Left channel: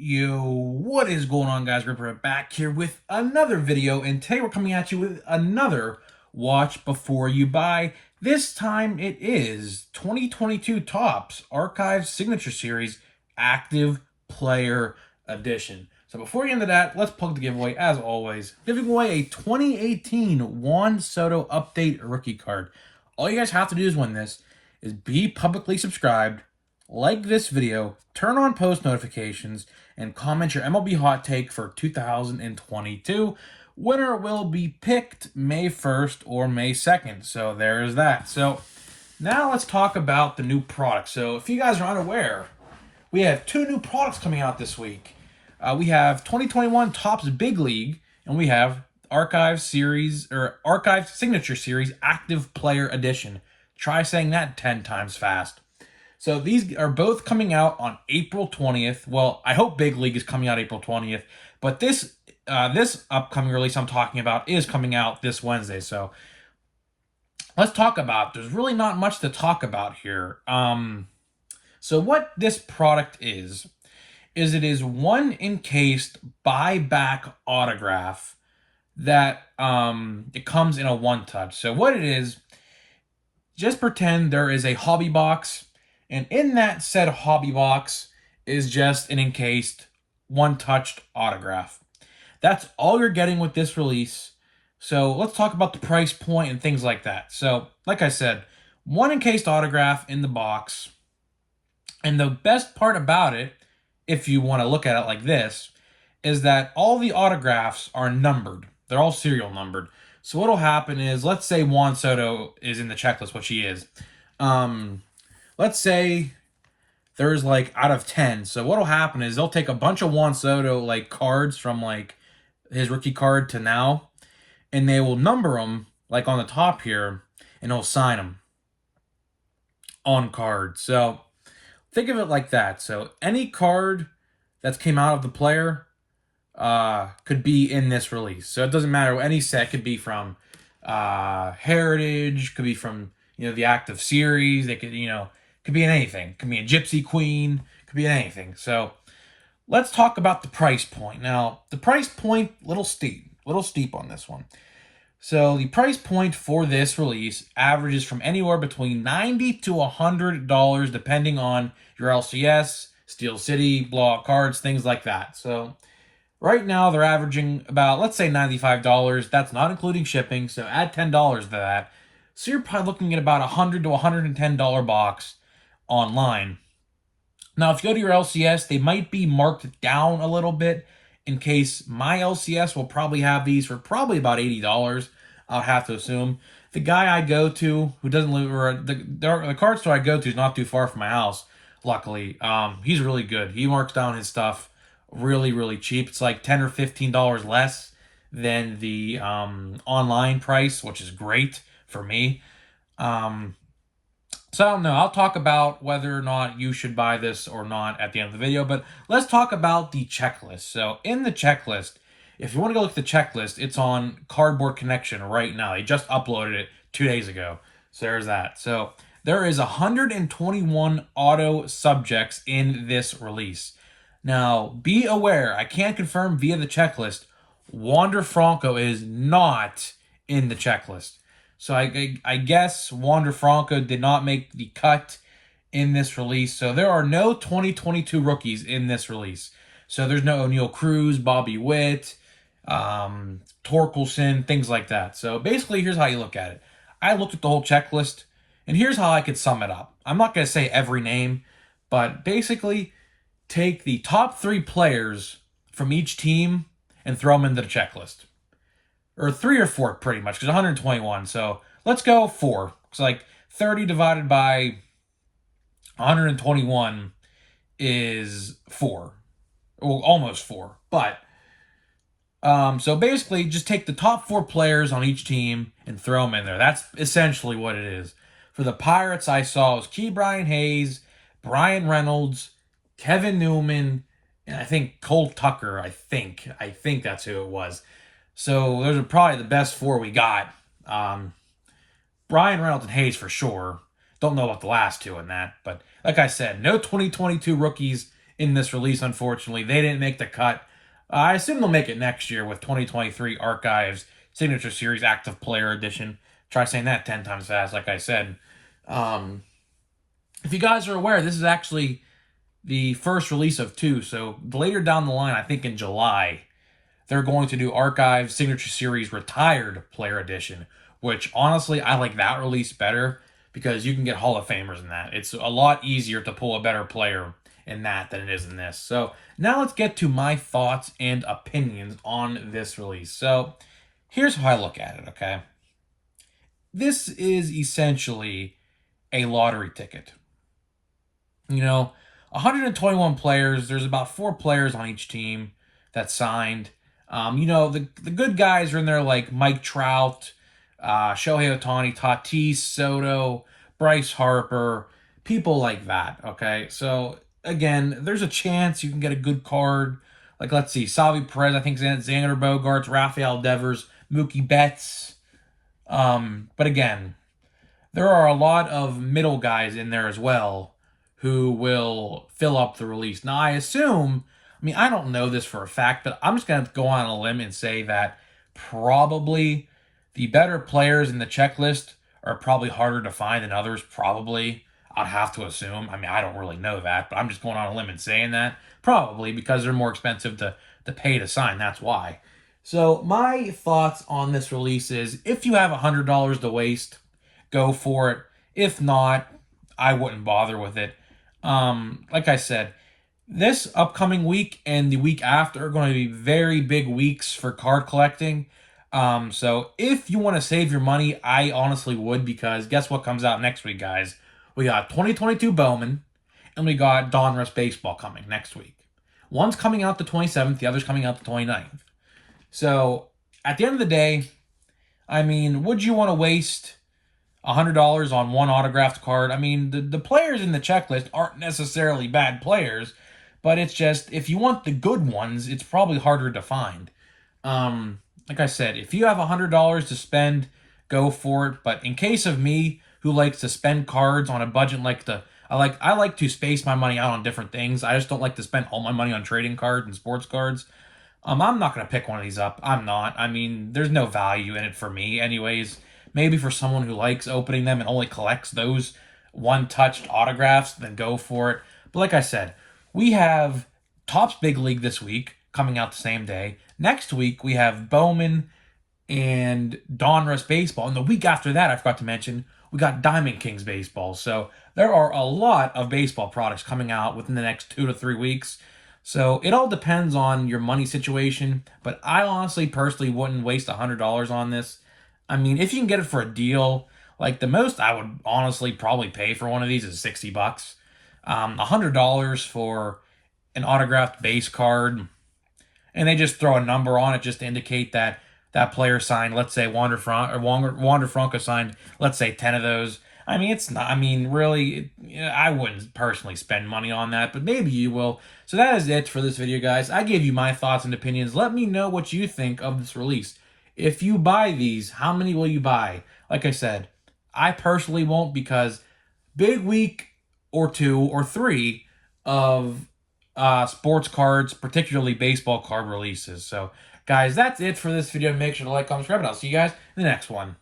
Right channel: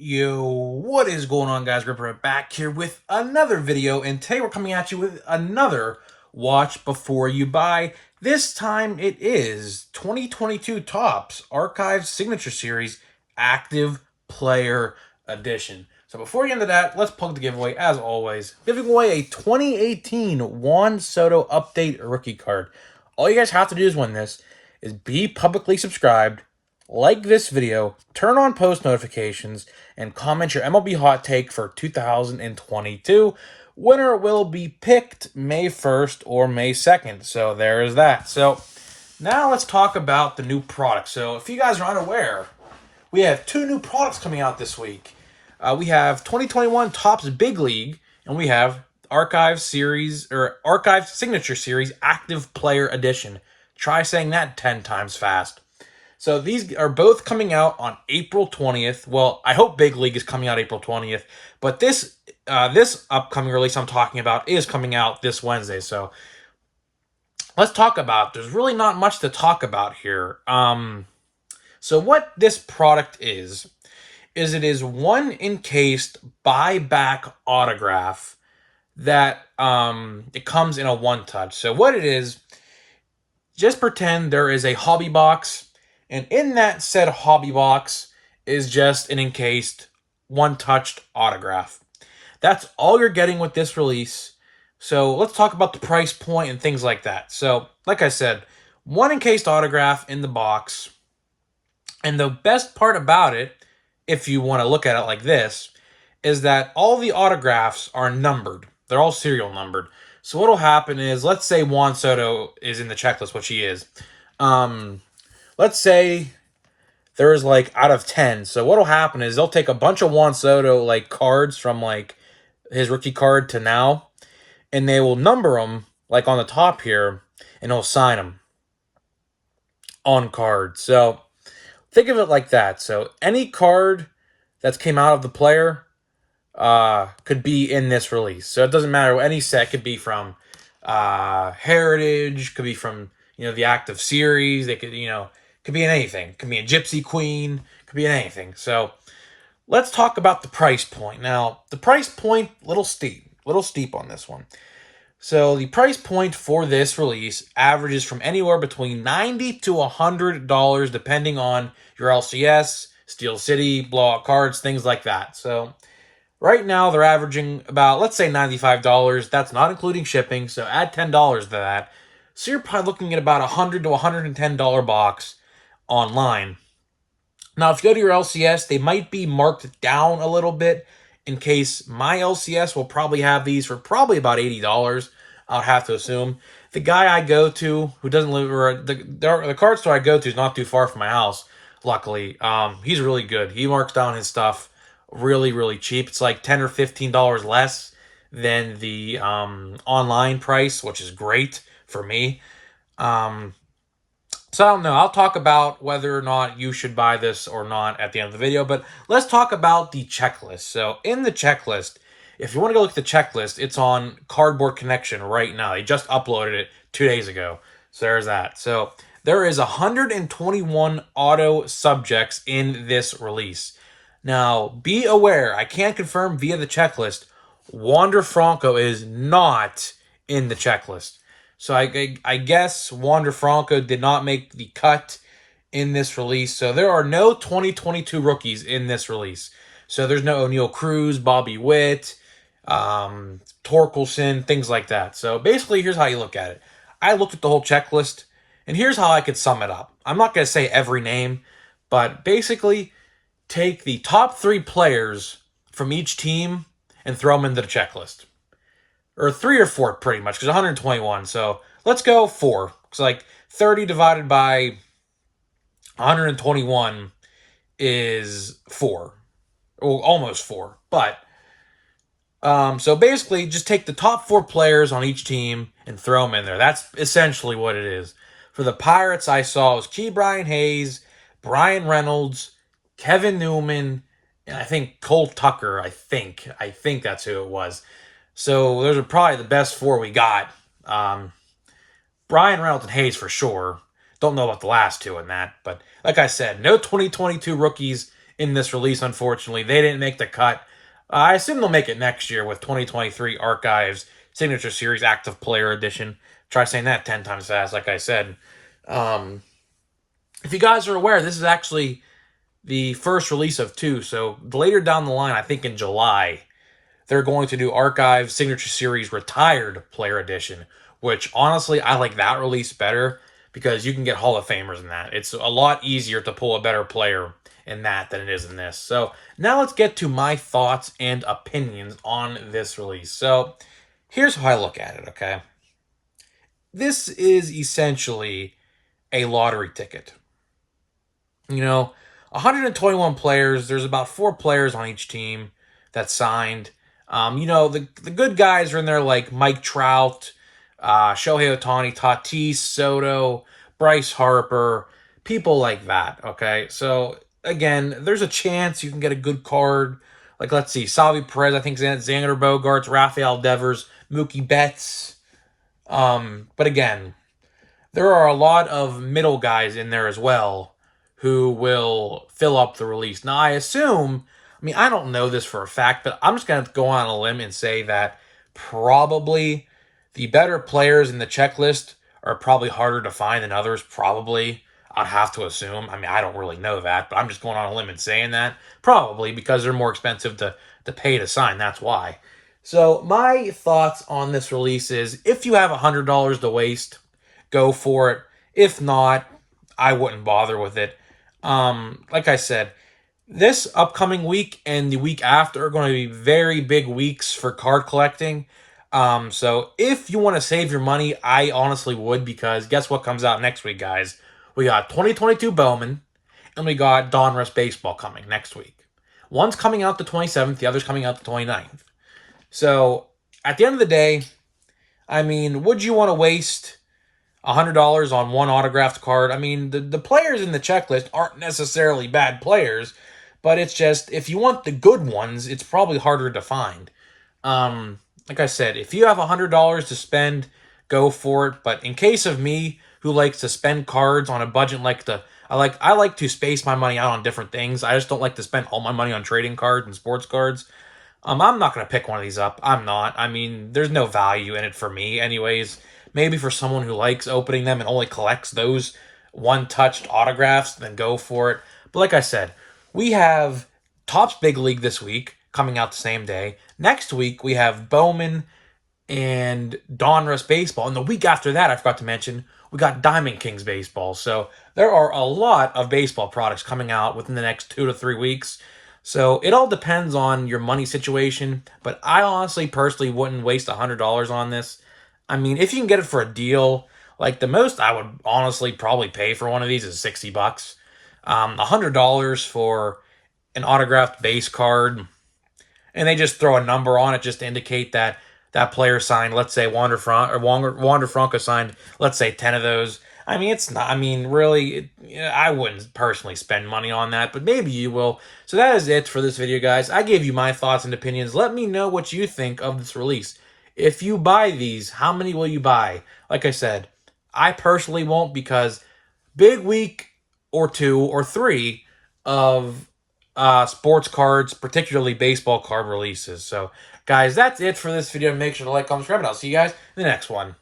Yo, what is going on, guys? Ripper back here with another video, and today we're coming at you with another watch before you buy. This time it is 2022 Topps Archive Signature Series Active Player Edition. So before we get into that, let's plug the giveaway as always. Giving away a 2018 Juan Soto Update Rookie Card. All you guys have to do is win this is be publicly subscribed, like this video, turn on post notifications, and comment your MLB hot take for 2022. Winner will be picked May 1st or May 2nd. So there's that. So now let's talk about the new product. So if you guys are unaware, we have two new products coming out this week. We have 2021 Topps Big League, and we have Archive Series or Archive Signature Series Active Player Edition. Try saying that 10 times fast. So these are both coming out on April 20th. Well, I hope Big League is coming out April 20th, but this upcoming release I'm talking about is coming out this Wednesday. So let's talk about. There's really not much to talk about here. So what this product is it is one encased buyback autograph that it comes in a one touch. So what it is, just pretend there is a hobby box. And in that said hobby box is just an encased, one-touched autograph. That's all you're getting with this release. So let's talk about the price point and things like that. So, like I said, one encased autograph in the box. And the best part about it, if you want to look at it like this, is that all the autographs are numbered. They're all serial numbered. So what will happen is, let's say Juan Soto is in the checklist, which he is. Let's say there's like out of 10. So what'll happen is they'll take a bunch of Juan Soto like cards from like his rookie card to now, and they will number them like on the top here, and they'll sign them on card. So think of it like that. So any card that's came out of the player could be in this release. So it doesn't matter. Any set could be from Heritage, could be from the active series. They could could be in anything. Could be a Gypsy Queen. Could be in anything. So let's talk about the price point. Now, the price point, little steep on this one. So the price point for this release averages from anywhere between $90 to $100, depending on your LCS, Steel City, blowout cards, things like that. So right now they're averaging about, let's say, $95. That's not including shipping. So add $10 to that. So you're probably looking at about $100 to $110 box online. Now, if you go to your LCS, they might be marked down a little bit in case my LCS will probably have these for probably about $80. I would have to assume. The guy I go to, who doesn't live, or the card store I go to is not too far from my house, luckily. He's really good. He marks down his stuff really, really cheap. It's like $10 or $15 less than the online price, which is great for me. So I don't know. I'll talk about whether or not you should buy this or not at the end of the video, but let's talk about the checklist. So in the checklist, if you want to go look at the checklist, it's on Cardboard Connection right now. They just uploaded it 2 days ago. So there's that. So there is 121 auto subjects in this release. Now, be aware, I can't confirm via the checklist, Wander Franco is not in the checklist. So I guess Wander Franco did not make the cut in this release. So there are no 2022 rookies in this release. So there's no O'Neal Cruz, Bobby Witt, Torkelson, things like that. So basically, here's how you look at it. I looked at the whole checklist, and here's how I could sum it up. I'm not going to say every name, but basically take the top 3 players from each team and throw them into the checklist. Or 3 or 4, pretty much, because 121. So let's go 4. It's like 30 divided by 121 is 4. Well, almost 4. But, so basically, just take the top 4 players on each team and throw them in there. That's essentially what it is. For the Pirates, I saw it was Ke'Bryan Hayes, Brian Reynolds, Kevin Newman, and I think Cole Tucker, I think that's who it was. So those are probably the best 4 we got. Brian Reynolds and Hayes for sure. Don't know about the last 2 in that. But like I said, no 2022 rookies in this release, unfortunately. They didn't make the cut. I assume they'll make it next year with 2023 Archives Signature Series Active Player Edition. Try saying that 10 times fast, like I said. Um, if you guys are aware, this is actually the first release of two. So later down the line, I think in July, they're going to do Archive Signature Series Retired Player Edition, which honestly, I like that release better because you can get Hall of Famers in that. It's a lot easier to pull a better player in that than it is in this. So now let's get to my thoughts and opinions on this release. So here's how I look at it, okay? This is essentially a lottery ticket. You know, 121 players, there's about 4 players on each team that signed. The good guys are in there like Mike Trout, Shohei Ohtani, Tatis, Soto, Bryce Harper, people like that, okay? So, again, there's a chance you can get a good card. Like, let's see, Salvi Perez, I think Xander Bogaerts, Rafael Devers, Mookie Betts. But again, there are a lot of middle guys in there as well who will fill up the release. Now, I don't know this for a fact, but I'm just going to go on a limb and say that probably the better players in the checklist are probably harder to find than others, probably. I have to assume. I don't really know that, but I'm just going on a limb and saying that. Probably because they're more expensive to pay to sign. That's why. So, my thoughts on this release is if you have $100 to waste, go for it. If not, I wouldn't bother with it. Like I said, this upcoming week and the week after are going to be very big weeks for card collecting. So if you want to save your money, I honestly would, because guess what comes out next week, guys? We got 2022 Bowman and we got Donruss Baseball coming next week. One's coming out the 27th, the other's coming out the 29th. So at the end of the day, would you want to waste $100 on one autographed card? The players in the checklist aren't necessarily bad players, but it's just, if you want the good ones, it's probably harder to find. Like I said, if you have $100 to spend, go for it. But in case of me, who likes to spend cards on a budget, I like to space my money out on different things. I just don't like to spend all my money on trading cards and sports cards. I'm not going to pick one of these up. I'm not. There's no value in it for me anyways. Maybe for someone who likes opening them and only collects those one-touched autographs, then go for it. But like I said, we have Topps Big League this week coming out the same day. Next week, we have Bowman and Donruss Baseball. And the week after that, I forgot to mention, we got Diamond Kings Baseball. So there are a lot of baseball products coming out within the next 2 to 3 weeks. So it all depends on your money situation. But I honestly, personally, wouldn't waste $100 on this. If you can get it for a deal, like the most I would honestly probably pay for one of these is $60. $100 for an autographed base card, and they just throw a number on it just to indicate that that player signed, let's say Wander Franco signed, let's say 10 of those. It's not, really, I wouldn't personally spend money on that, but maybe you will. So that is it for this video, guys. I gave you my thoughts and opinions. Let me know what you think of this release. If you buy these, how many will you buy? Like I said, I personally won't, because big week or 2 or 3 of sports cards, particularly baseball card releases. So, guys, that's it for this video. Make sure to like, comment, subscribe, and I'll see you guys in the next one.